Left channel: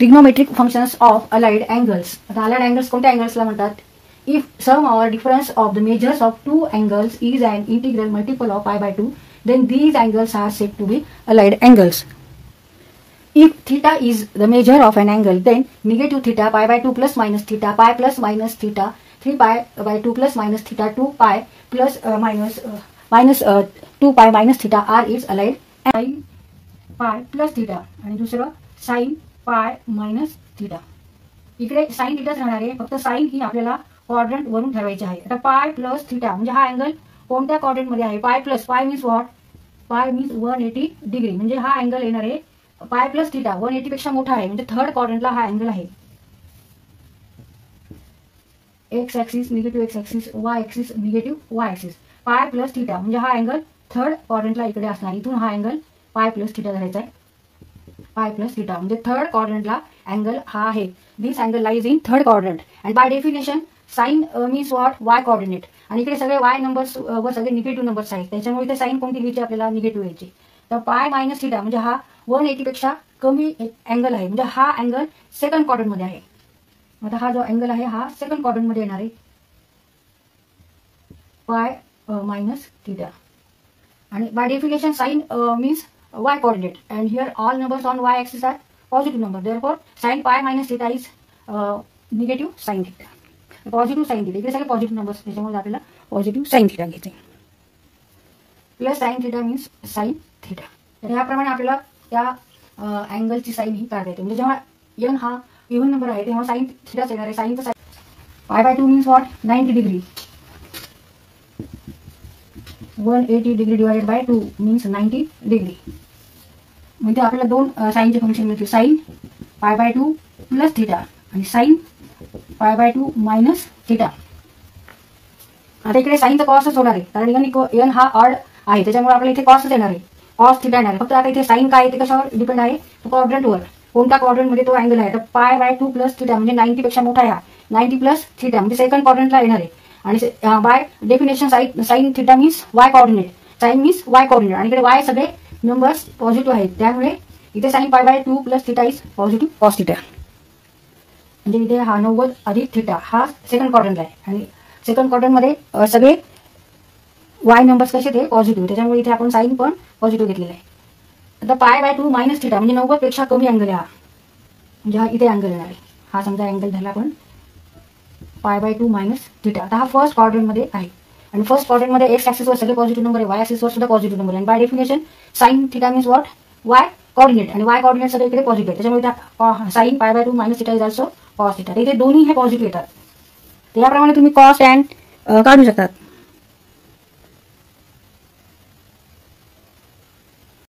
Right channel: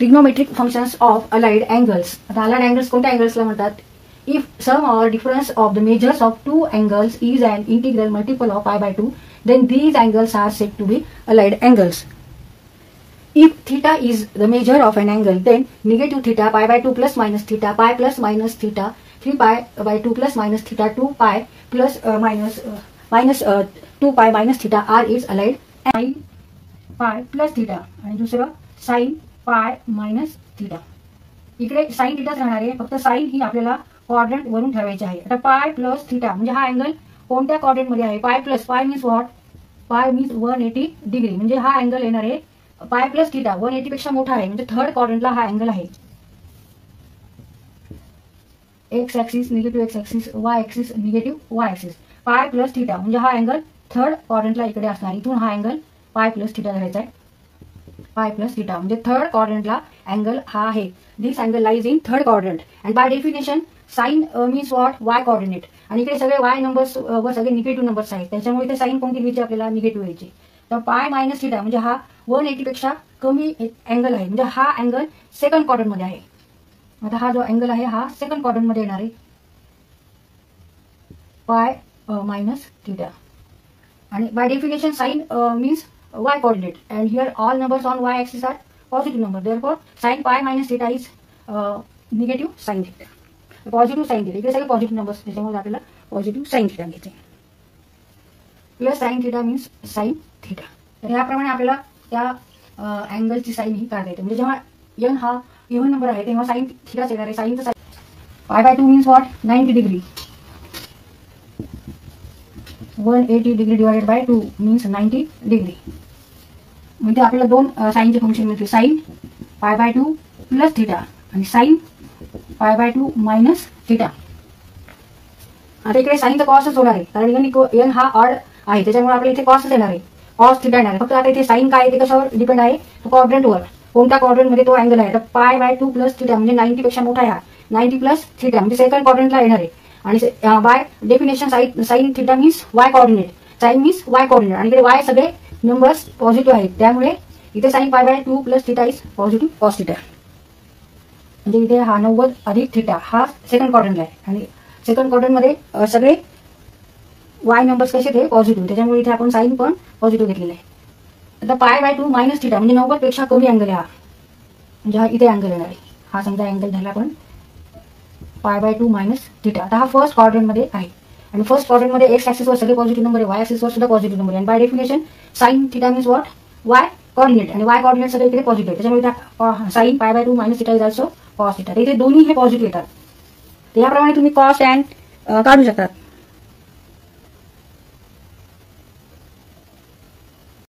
Trigonometric functions of allied angles. आता allied angles कोणत्या अँगल्सला म्हणतात? If sum or difference of the measures of two angles is an integral multiple of π/2, then these angles are said to be allied angles. If theta is the measure of an angle, then negative theta π/2 plus minus theta pi plus minus theta 3π/2 plus minus theta 2π plus minus 2π minus theta are its allied. Sin pi plus theta आणि दुसरं sin pi minus theta. इकडे sin थीटाच राहणार आहे, फक्त sin ही आपल्याला quadrant वरून ठरवायची आहे. आता pi plus theta म्हणजे हा अँगल कोणत्या क्वाड्रंट मध्ये आहे? pi plus pi means what? pi means 180 degree. म्हणजे हा अँगल येणार आहे pi plus theta 180 पेक्षा मोठा आहे, म्हणजे थर्ड क्वाड्रंटला हा अँगल आहे. X axis negative x axis, Y axis negative Y axis. pi plus theta म्हणजे हा अँगल थर्ड क्वाड्रंटला इकडे असणार. इथून हा अँगल pi plus theta धरायचा आहे. pi plus theta म्हणजे थर्ड क्वाड्रंटला अँगल हा आहे. This angle lies in third quadrant and by definition sine means what? Y coordinate. आणि इकडे सगळे वाय नंबर्स व सगळे निगेटिव्ह नंबर्स आहेत, त्याच्यामुळे इथे साइन कोणती घ्यायची आपल्याला? निगेटिव्ह घ्यायची. तर पाय मायनस थीटा म्हणजे हा 180 पेक्षा कमी अँगल आहे, म्हणजे हा अँगल सेकंड क्वाड्रंट मध्ये आहे. आता हा जो अँगल आहे हा सेकंड क्वाड्रंट मध्ये येणार आहे. पाय मायनस थीटा आणि by definition sine means Y coordinate and here all numbers on y axis are positive number. Therefore sine pi minus theta is negative sine theta. Positive sine theta इकडे सगळे positive numbers, त्याच्यामुळे आपल्याला positive sine theta घ्यायचे. Plus sine theta means sine theta. तर याप्रमाणे आपल्याला त्या अँगलची साइन ही काढता येते. म्हणजे जेव्हा n हा इव्हन नंबर आहे तेव्हा साइन थीटाच येणार आहे. साइनचं sine π/2 means what? 90 degree. 180 degree divided by 2 means 90 degree. म्हणजे आपल्याला दोन साइनचे फंक्शन मिळते, साइन π/2 प्लस थीटा आणि साइन π/2 मायनस थीटा. आता इकडे साइनचा कॉसच होणार आहे, कारण n हा ऑड आहे, त्याच्यामुळे आपल्याला इथे कॉसच येणार आहे, कॉस थीटा येणार आहे. फक्त आता इथे साइन काय आहे ते कशावर डिपेंड आहे? क्वाड्रंटवर. कोणत्या क्वाड्रंट मध्ये तो अँगल आहे? तर π/2 प्लस थीटा म्हणजे 90 पेक्षा मोठा आहे हा. 90 प्लस थीटा म्हणजे सेकंड क्वाड्रंटला येणार आहे. आणि by definition sine theta means Y coordinate, sine means Y coordinate. आणि इकडे वाय सगळे नंबर्स पॉझिटिव्ह आहेत, त्यामुळे इथे sine π/2 plus theta is positive cos theta. म्हणजे इथे हा 90 अधिक थीटा हा सेकंड क्वाड्रंटला आहे आणि सेकंड क्वाड्रंट मध्ये सगळे वाय नंबर्स कसे ते पॉझिटिव्ह, त्याच्यामुळे इथे आपण साइन पण पॉझिटिव्ह घेतलेला आहे. आता π/2 मायनस थीटा म्हणजे 90 पेक्षा कमी अँगल आहे हा, म्हणजे हा इथे अँगल येणार आहे. हा समजा अँगल धरला आपण π/2 मायनस थीटा. आता हा फर्स्ट क्वाड्रंट मध्ये आहे आणि फर्स्ट क्वाड्रंट मध्ये एक्स ऍक्सिसवर सगळे पॉझिटिव्ह नंबर आहे, वाय ऍक्सिसवर सुद्धा पॉझिटिव्ह नंबर आहे. By definition sine theta means what? Y coordinate. आणि वाय कोऑर्डिनेट सगळे इकडे पॉझिटिव्ह आहे, त्याच्यामुळे sine π/2 minus theta is also cos theta. इथे दोन्ही हे पॉझिटिव्ह येतात. याप्रमाणे तुम्ही कॉस अँड काढू शकतात.